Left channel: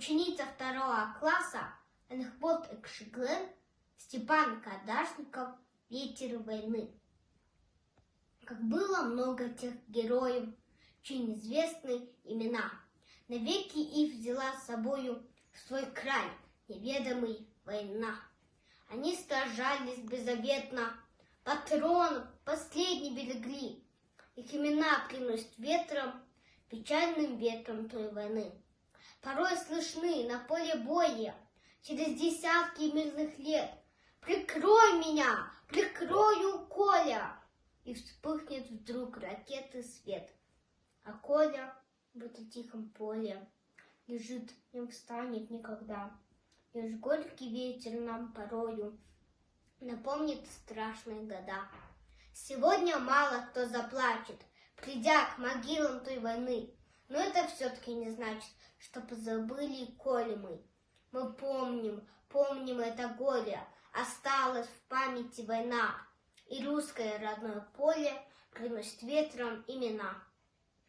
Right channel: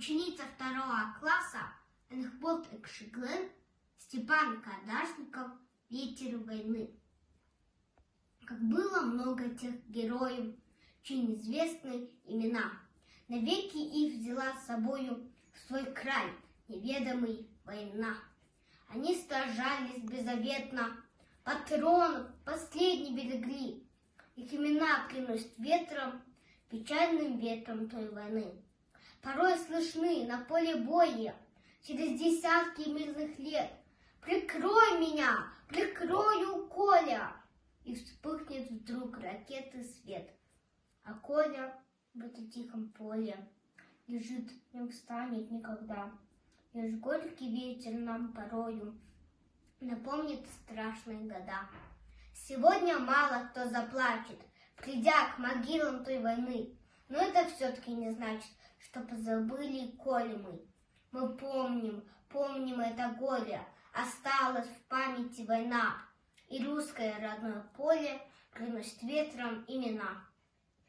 ученица 2 класса Анхбот Экшиглен, Степан Кадашников, ветер войны. Как было много тех героев, чьи неизвестны имена, навеки их взяла с собою в свой край неведомый война. Они сражались беззаветно, патрон последний берегли, их имена приносят ветром, печальным ветром той войны. Порой слышны на поле боя, через десятки мирных лет: «Прикрой меня, прикрою Коля!» И вспыхнет вдруг ракеты свет. А Коля в этом тихом поле лежит, не встанет никогда. Лишь горький ветер нам порою напомнит страшные года. Сегодня мало кто заплачет, придя к могилам той войны, но это все-таки не значит, что позабыли Колю мы. Мы помним это горе, осталась в памяти война, и русское родное поле приносит ветром имена.